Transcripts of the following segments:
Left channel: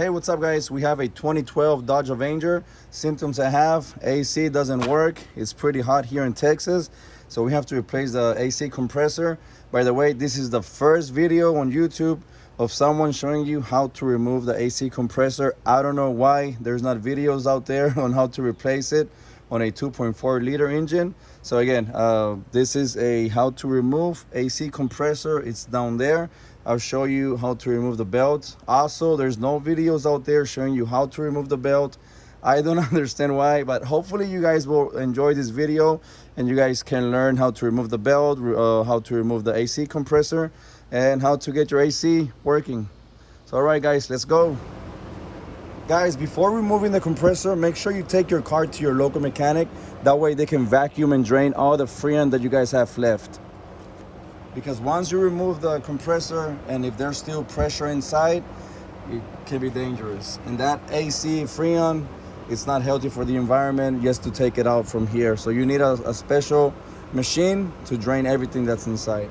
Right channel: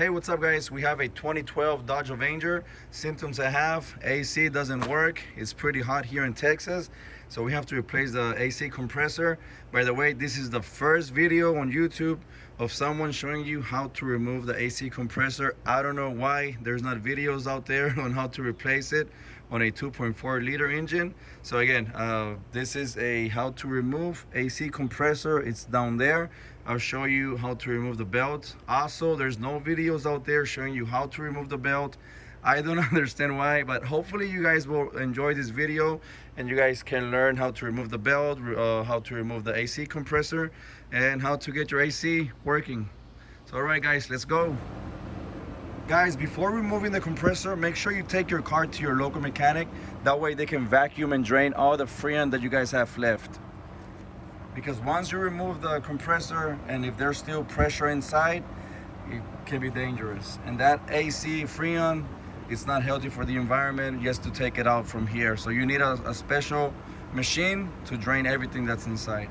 Hey, what's up guys? We have a 2012 Dodge Avenger. Symptoms I have: AC doesn't work. It's pretty hot here in Texas, so we have to replace the AC compressor. By the way, this is the first video on YouTube of someone showing you how to remove the AC compressor. I don't know why there's not videos out there on how to replace it on a 2.4 liter engine. So again, this is a how to remove AC compressor. It's down there. I'll show you how to remove the belt. Also, there's no videos out there showing you how to remove the belt. I don't understand why, but hopefully you guys will enjoy this video and you guys can learn how to remove the belt, how to remove the AC compressor, and how to get your AC working. So all right guys, let's go. Guys, before removing the compressor, make sure you take your car to your local mechanic. That way they can vacuum and drain all the Freon that you guys have left. Because once you remove the compressor and if there's still pressure inside, it can be dangerous. And that AC Freon, it's not healthy for the environment just to take it out from here. So you need a special machine to drain everything that's inside.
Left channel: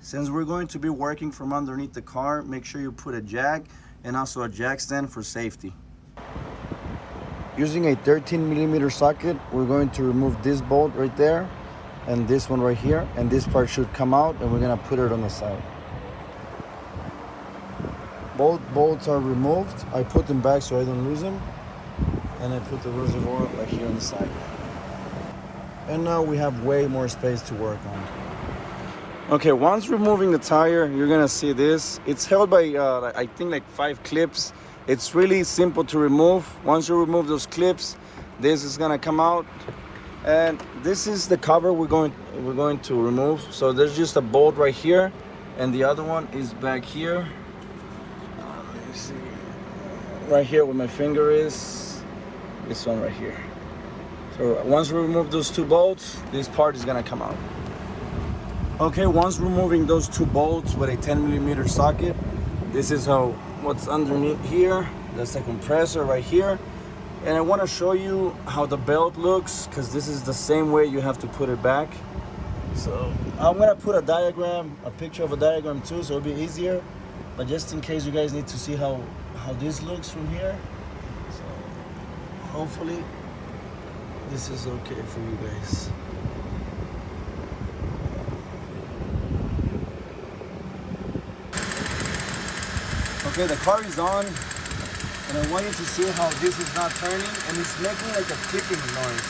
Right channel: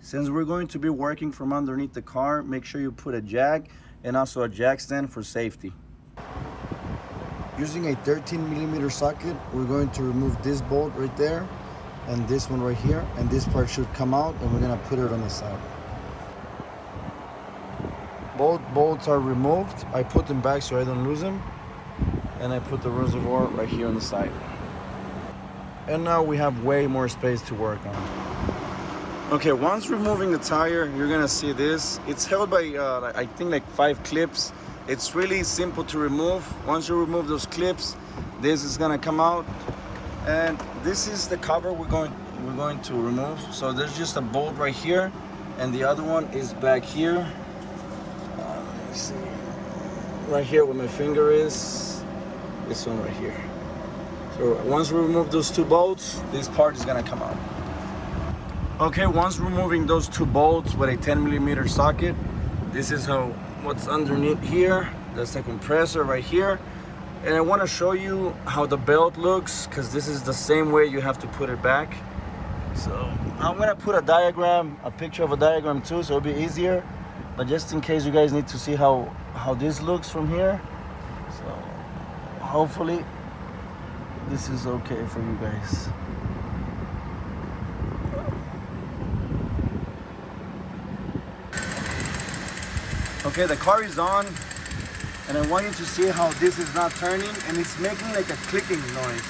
Since we're going to be working from underneath the car, make sure you put a jack and also a jack stand for safety. Using a 13mm socket, we're going to remove this bolt right there and this one right here, and this part should come out, and we're gonna put it on the side. Both bolts are removed. I put them back so I don't lose them, and I put the reservoir right here on the side. And now we have way more space to work on. Okay, once removing the tire, you're gonna see this. It's held by I think like 5 clips. It's really simple to remove. Once you remove those clips, this is gonna come out. And this is the cover we're going to remove. So there's just a bolt right here, and the other one is back here. Let me see. Right here where my finger is. This one right here. So once we remove those 2 bolts, this part is gonna come out. Okay, once removing those 2 bolts with a 10mm socket, this is what's underneath here. That's the compressor right here. And I want to show you how the belt looks, because this is the same way you have to put it back. So I'm going to put a diagram, a picture of a diagram too, so it'll be easier. But just in case you guys need to see how this looks from here. So hopefully this is okay for you guys. Okay, the car is on. And I want you to see how this is not turning and it's making like a clicking noise.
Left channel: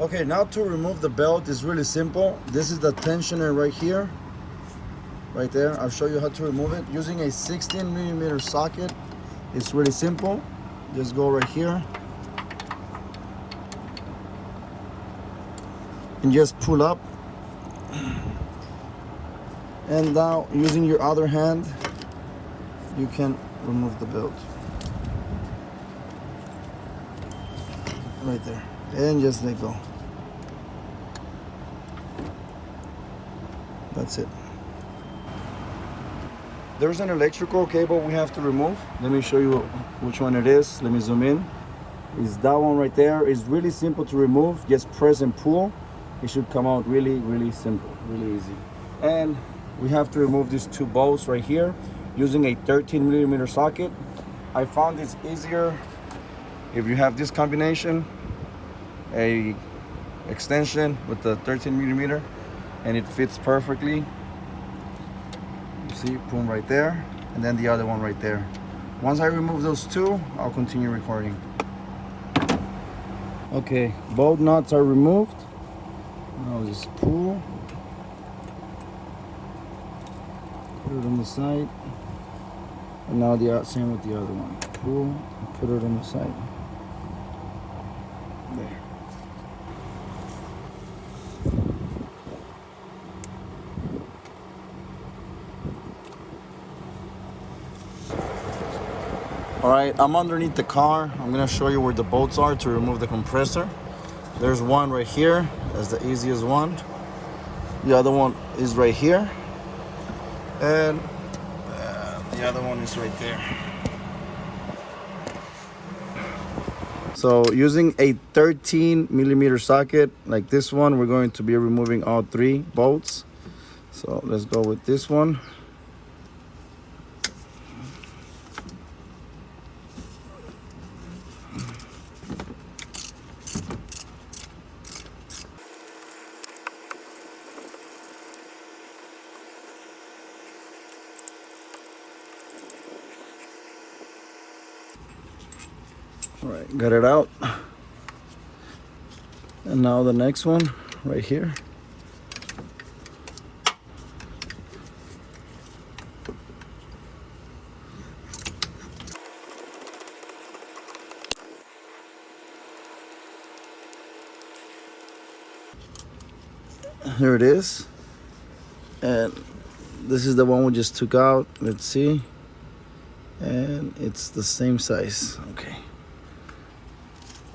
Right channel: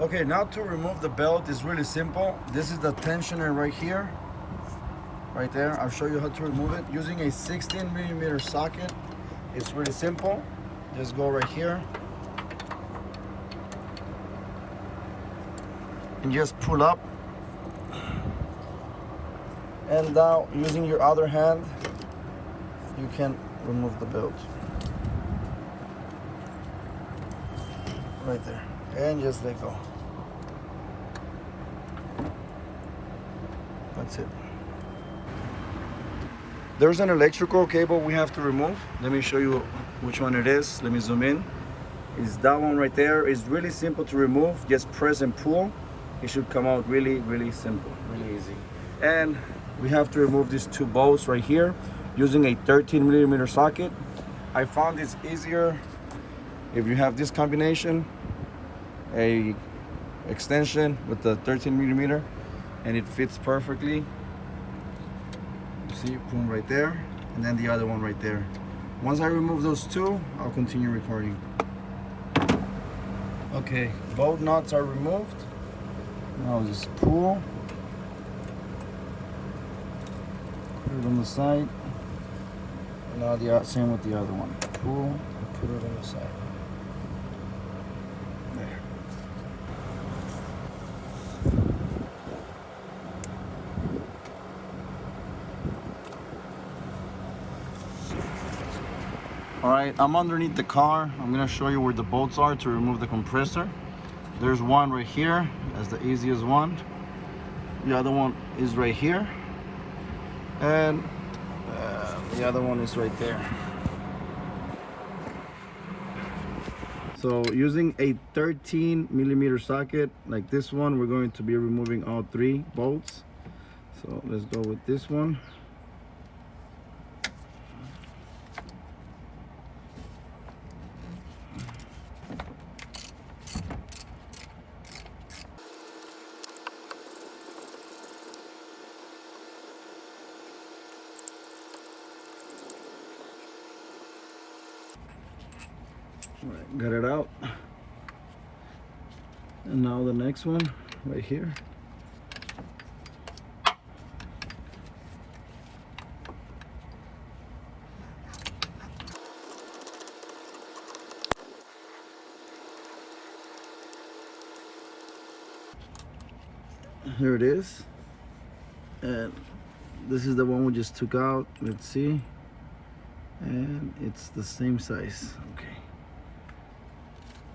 Okay, now to remove the belt is really simple. This is the tensioner right here, right there. I'll show you how to remove it using a 16mm socket. It's really simple. Just go right here and just pull up, and now using your other hand you can remove the belt right there and just let go. That's it. There's an electrical cable we have to remove. Let me show you which one it is. Let me zoom in. It's that one right there. It's really simple to remove. Just press and pull. It should come out really, really simple, really easy. And we have to remove these 2 bolts right here using a 13mm socket. I found it's easier if you have this combination, a extension with the 13mm, and it fits perfectly. See, boom, right there, and then the other one right there. Once I remove those 2, I'll continue recording. Okay, both nuts are removed. Now just pull, put it on the side, and now the same with the other one. Pull and put it on the side. There. All right, I'm underneath the car. I'm gonna show you where the bolts are to remove the compressor. There's one right here, that's the easiest one. The other one is right here. And the other one is right there. So using a 13mm socket like this one, we're going to be removing all 3 bolts. So let's go with this one. All right, got it out. And now the next one right here. Here it is. And this is the one we just took out. Let's see. And it's the same size. Okay.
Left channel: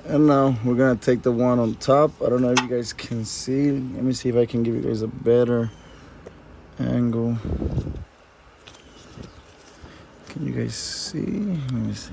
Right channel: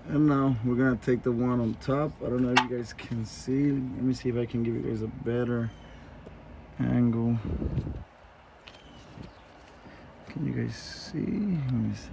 And now we're gonna take the one on top. I don't know if you guys can see. Let me see if I can give you guys a better angle. Can you guys see? Let me see.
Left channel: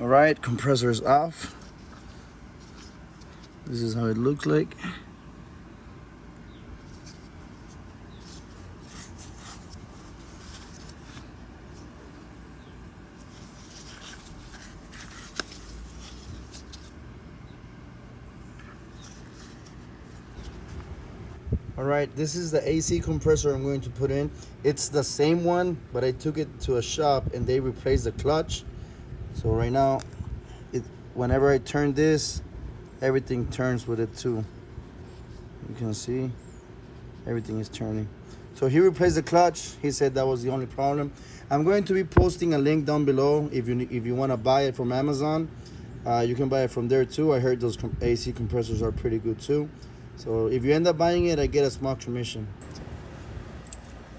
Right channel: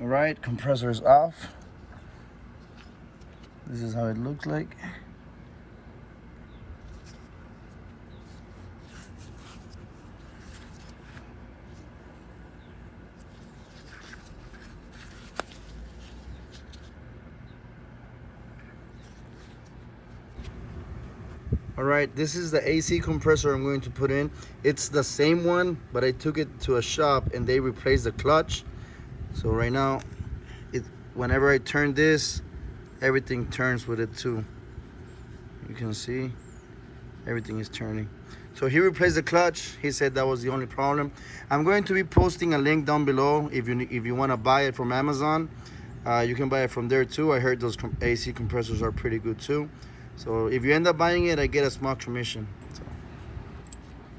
All right, compressor is off. This is how it looks like. All right, this is the AC compressor I'm going to put in. It's the same one, but I took it to a shop and they replaced the clutch. So right now, whenever I turn this, everything turns with it too. You can see, everything is turning. So he replaced the clutch. He said that was the only problem. I'm going to be posting a link down below. If you want to buy it from Amazon, you can buy it from there too. I heard those AC compressors are pretty good too. So if you end up buying it, I get a small commission.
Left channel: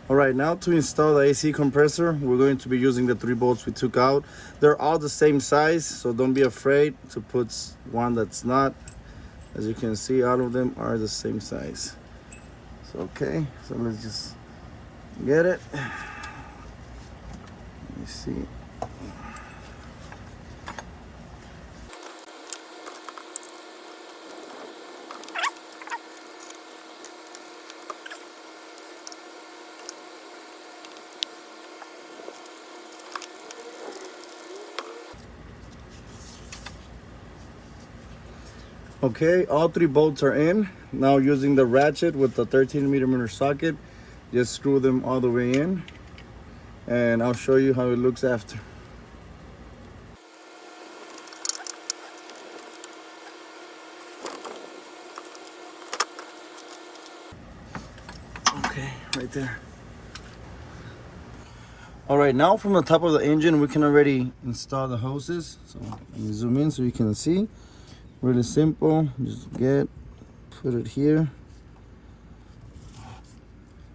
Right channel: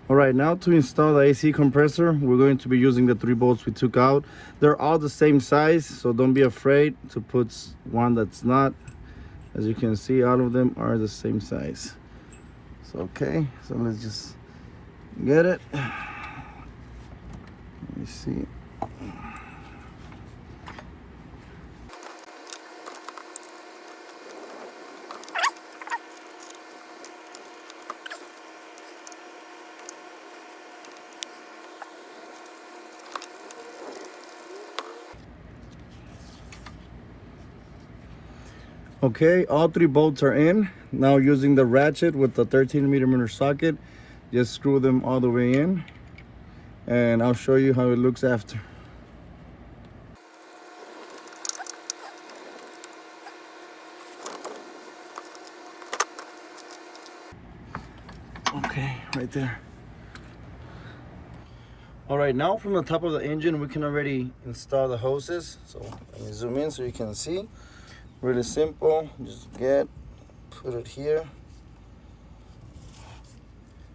All right, now to install the AC compressor, we're going to be using the 3 bolts we took out. They're all the same size, so don't be afraid to put one that's not. As you can see, all of them are the same size. So, okay, so let's just get it. Let me see. Okay, all 3 bolts are in. Now using the ratchet with the 13mm socket, just screw them all the way in. And I'll show you how it looks after. Okay, right there. All right, now from the top of the engine, we can already install the hoses. So let me zoom in so you can see. Really simple, just put it here.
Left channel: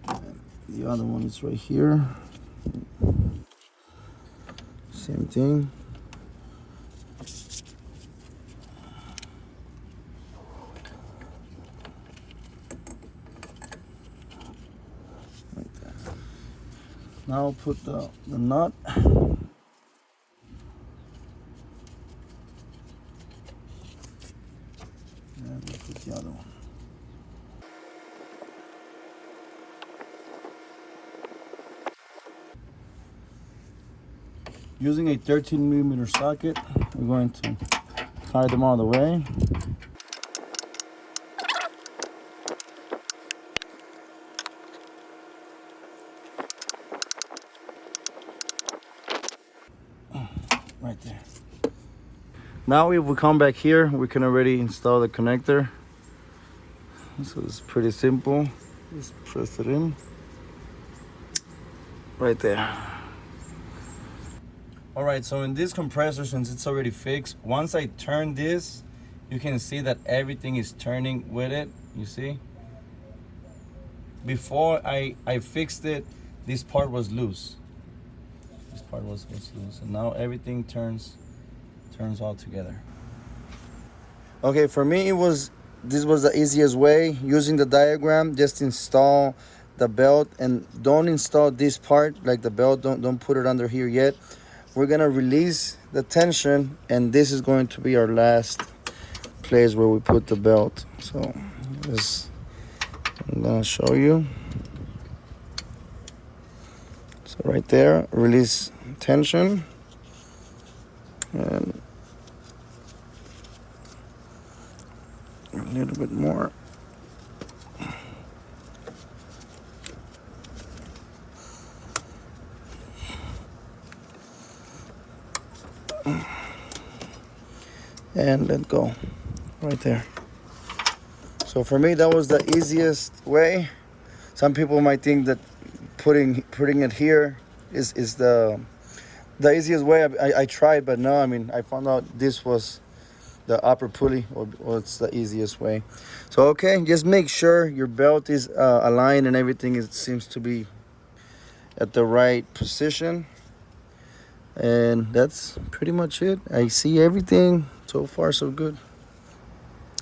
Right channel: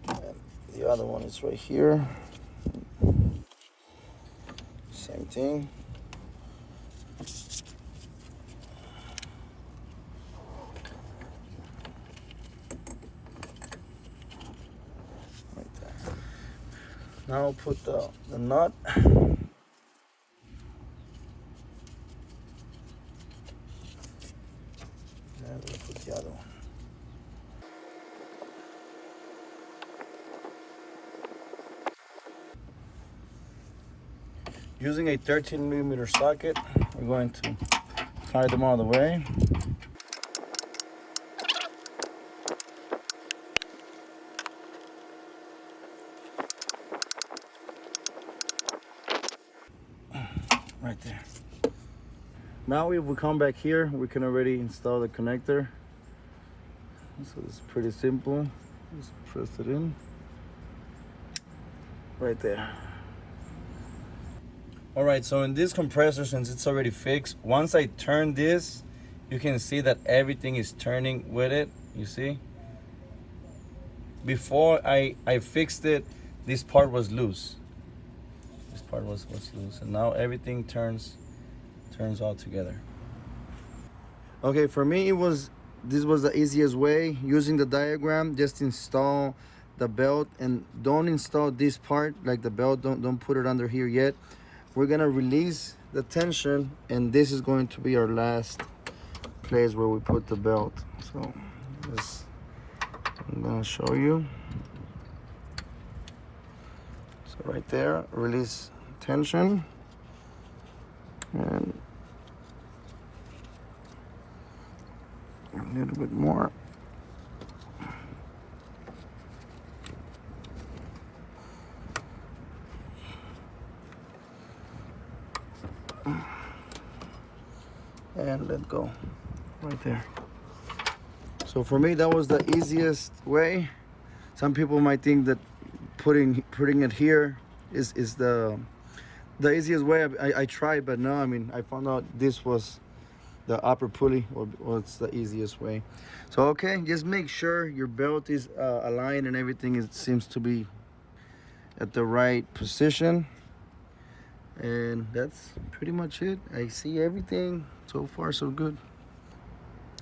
And the other one is right here. Same thing. Right there. Now I'll put the nut. And we'll put the other one. Using a 13mm socket, we're going to tie them all the way. Right there. Now if we come back here, we can already install the connector. So it's pretty simple. Just press it in. right there. All right, so in this compressor, since it's already fixed, once I turn this, you can see that everything is turning with it, you see? Before I fixed it, this part was loose. This part was loose, and now everything turns all together. Okay, for me, this was the easiest way. Using the diagram, just install the belt, and don't install this part, like the belt, don't put it under here yet. We're gonna release the tension, and this is going to be our last place where we put the belt. So I'm gonna show you. So right there, release tension, and a little bit more. And let go right there. So for me, that was the easiest way. Some people might think that putting it here is the easiest way. I tried, but no, I mean, I found out this was the upper pulley, or it's the easiest way. So okay, just make sure your belt is aligned and everything seems to be at the right position. And that's pretty much it. I see everything. So far, so good.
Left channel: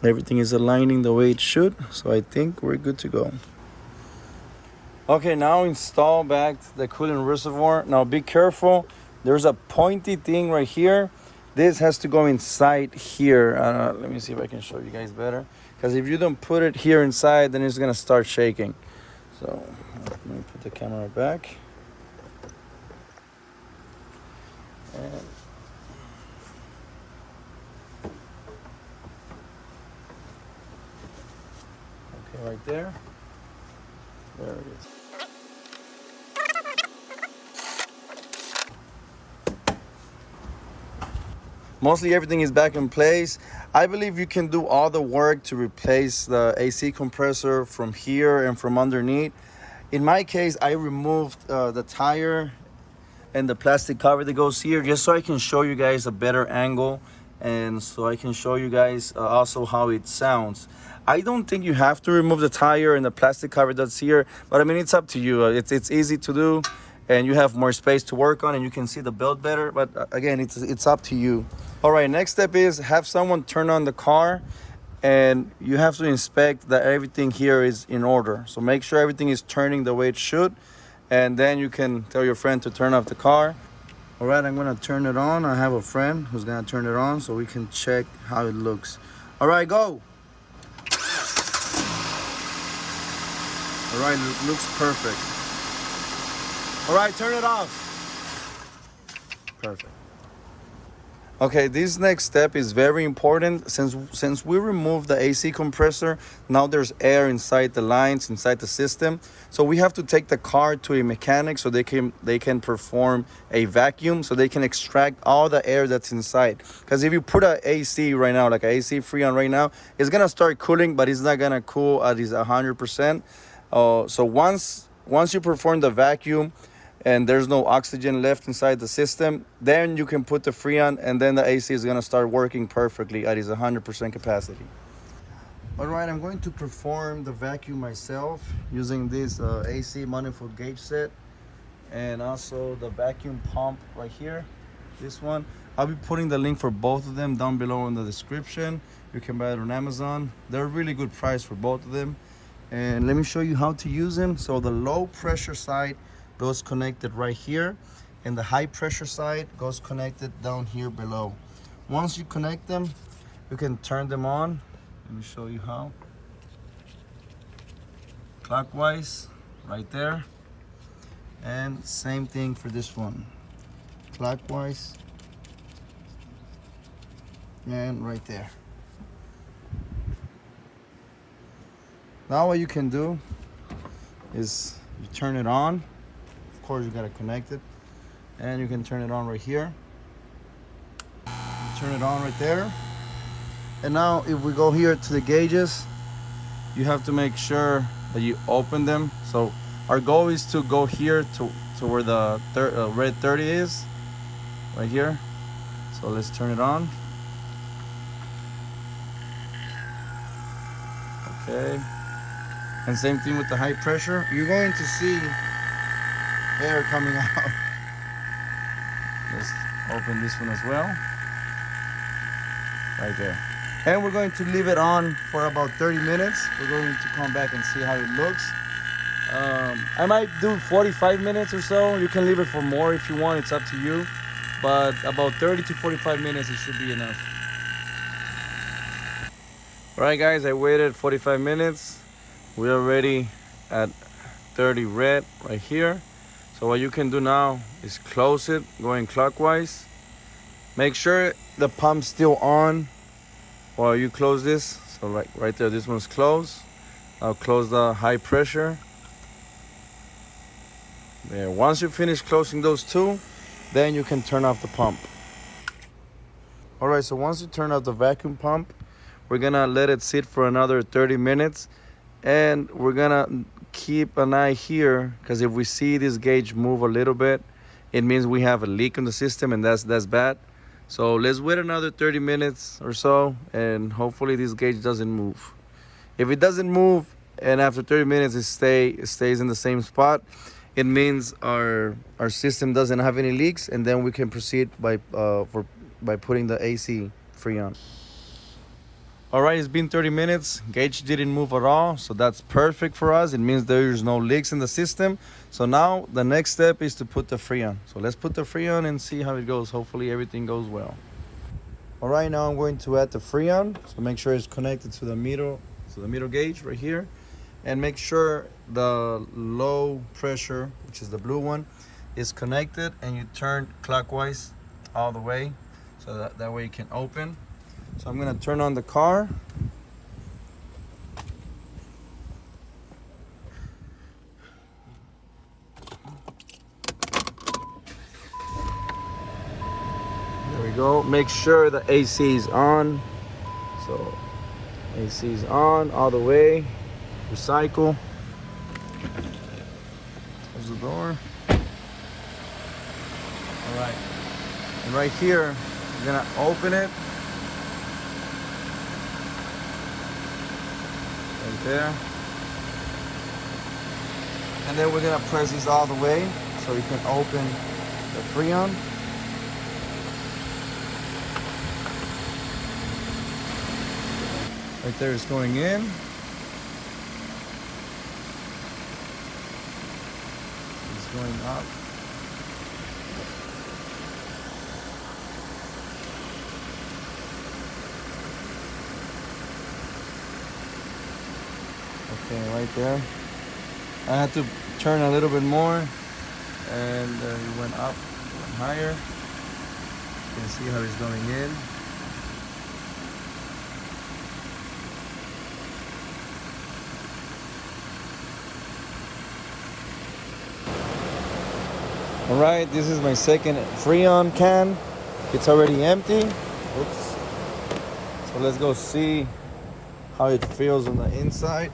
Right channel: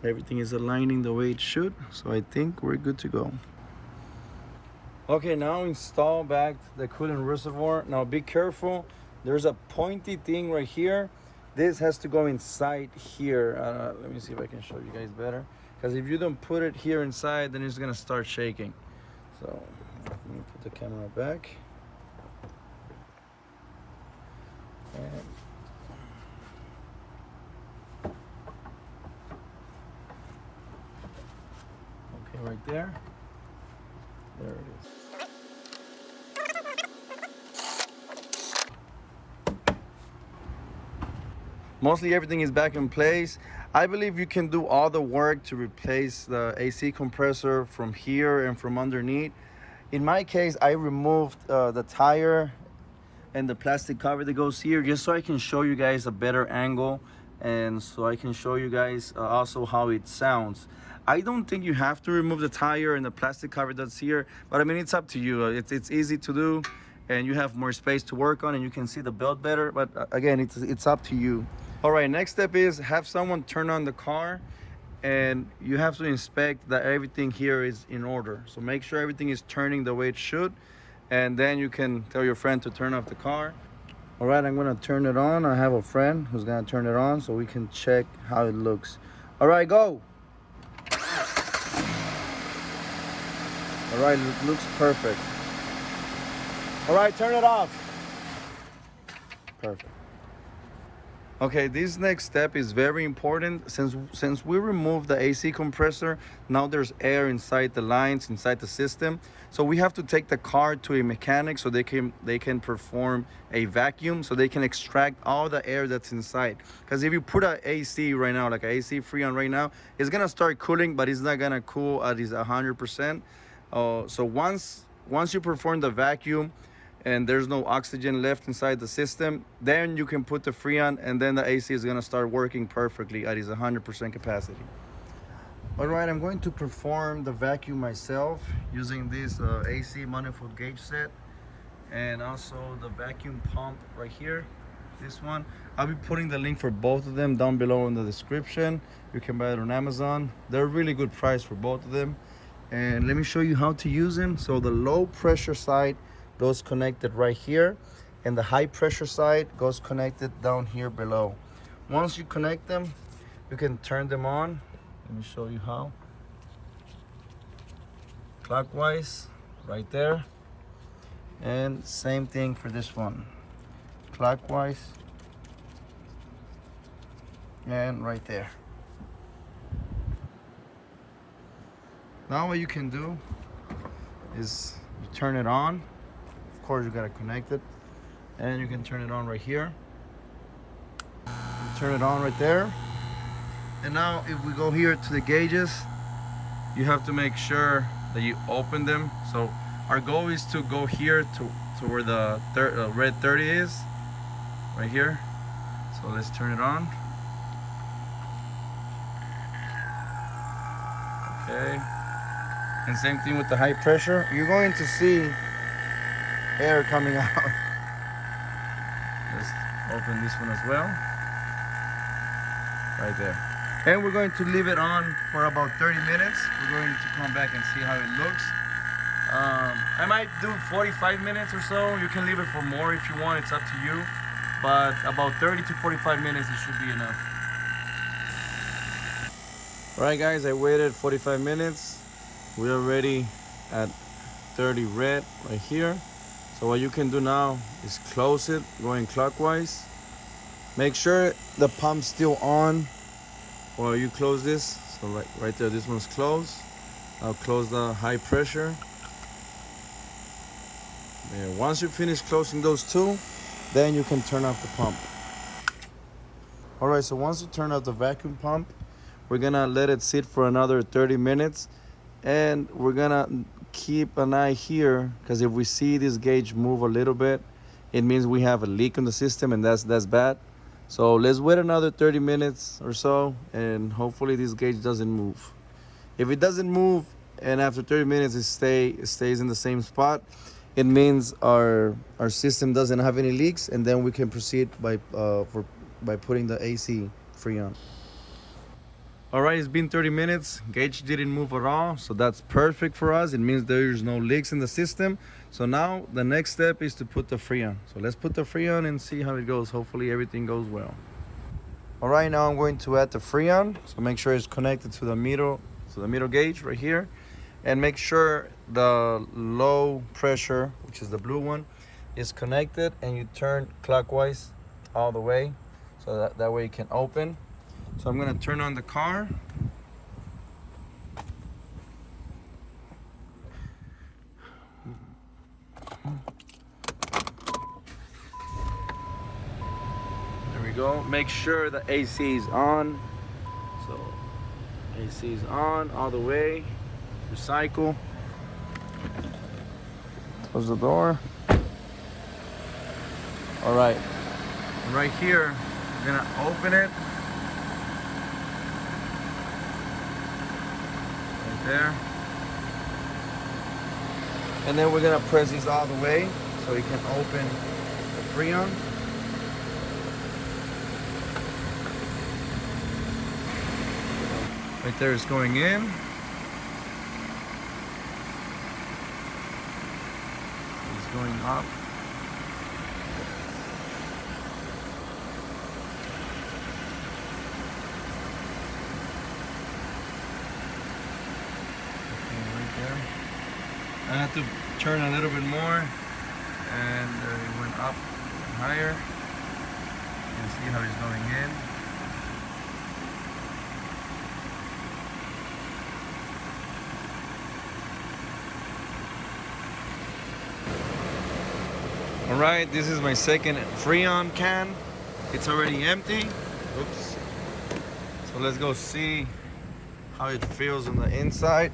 Everything is aligning the way it should, so I think we're good to go. Okay, now install back the coolant reservoir. Now be careful. There's a pointy thing right here. This has to go inside here. Let me see if I can show you guys better. Because if you don't put it here inside, then it's gonna start shaking. So let me put the camera back. And right there. There it is. Mostly everything is back in place. I believe you can do all the work to replace the AC compressor from here and from underneath. In my case, I removed the tire and the plastic cover that goes here, just so I can show you guys a better angle, and so I can show you guys also how it sounds. I don't think you have to remove the tire and the plastic cover that's here, but I mean, it's up to you. It's easy to do, and you have more space to work on, and you can see the belt better, but again, it's up to you. All right, next step is have someone turn on the car, and you have to inspect that everything here is in order. So make sure everything is turning the way it should, and then you can tell your friend to turn off the car. All right, I'm gonna turn it on. I have a friend who's gonna turn it on so we can check how it looks. All right, go. All right, looks perfect. All right, turn it off. Perfect. Okay, this next step is very important. Since we removed the AC compressor, now there's air inside the lines, inside the system. So we have to take the car to a mechanic so they can perform a vacuum, so they can extract all the air that's inside. Because if you put an AC right now, like an AC Freon right now, it's gonna start cooling, but it's not gonna cool at 100%. So once you perform the vacuum, and there's no oxygen left inside the system, then you can put the Freon, and then the AC is gonna start working perfectly at its 100% capacity. All right, I'm going to perform the vacuum myself using this AC manifold gauge set, and also the vacuum pump right here, this one. I'll be putting the link for both of them down below in the description. You can buy it on Amazon. They're a really good price for both of them. And let me show you how to use them. So the low pressure side goes connected right here, and the high pressure side goes connected down here below. Once you connect them, you can turn them on. Let me show you how. Clockwise, right there. And same thing for this one. Clockwise, and right there. Now what you can do is you turn it on. Of course, you gotta connect it, and you can turn it on right here. You turn it on right there. And now if we go here to the gauges, you have to make sure that you open them. So Our goal is to go here to where the red 30 is, right here. So let's turn it on. Okay. And same thing with the high pressure. You're going to see air coming out. Let's open this one as well. Right there. And we're going to leave it on for about 30 minutes. We're going to come back and see how it looks. I might do 45 minutes or so. You can leave it for more if you want, it's up to you. But about 30 to 45 minutes, it should be enough. All right guys, I waited 45 minutes. We're already at 30 red right here. So what you can do now is close it, going clockwise. Make sure the pump's still on while you close this. So right there, this one's closed. I'll close the high pressure. There, once you finish closing those two, then you can turn off the pump. All right, so once you turn off the vacuum pump, we're gonna let it sit for another 30 minutes. And we're gonna keep an eye here, because if we see this gauge move a little bit, it means we have a leak in the system, and that's bad. So let's wait another 30 minutes or so, and hopefully this gauge doesn't move. If it doesn't move, and after 30 minutes it stays in the same spot, it means our system doesn't have any leaks, and then we can proceed by putting the AC Freon. All right, it's been 30 minutes. Gauge didn't move at all, so that's perfect for us. It means there's no leaks in the system. So now the next step is to put the Freon. So let's put the Freon and see how it goes. Hopefully everything goes well. All right, now I'm going to add the Freon. So make sure it's connected to the meter gauge right here, and make sure the low pressure, which is the blue one, is connected, and you turn clockwise all the way, so that way it can open. So I'm gonna turn on the car. There we go. Make sure the AC is on. So AC is on all the way. Recycle. Close the door. All right. And right here, we're gonna open it. There, and then we're gonna press this all the way so we can open the Freon. Right there, it's going in. It's going up. Okay, right there. I had to turn a little bit more, and it went up, went higher. You can see how it's going in. All right, this is my second Freon can. It's already empty. Oops. So let's go see how it feels on the inside.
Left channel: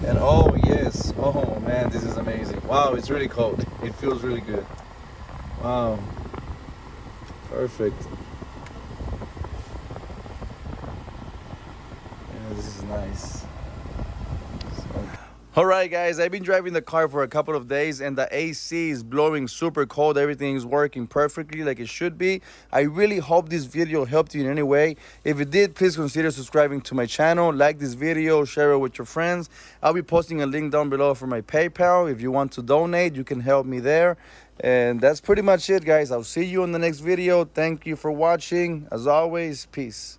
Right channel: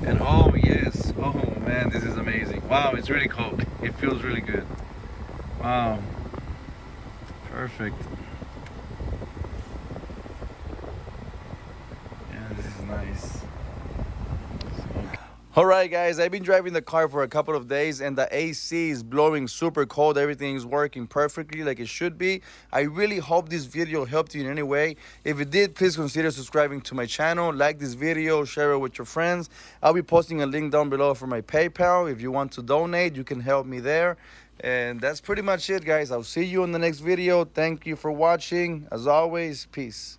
And oh yes, oh man, this is amazing. Wow, it's really cold. It feels really good. Wow, perfect. Yeah, this is nice. All right guys, I've been driving the car for a couple of days, and the AC is blowing super cold. Everything is working perfectly like it should be. I really hope this video helped you in any way. If it did, please consider subscribing to my channel, like this video, share it with your friends. I'll be posting a link down below for my PayPal. If you want to donate, you can help me there. And that's pretty much it guys. I'll see you in the next video. Thank you for watching. As always, peace.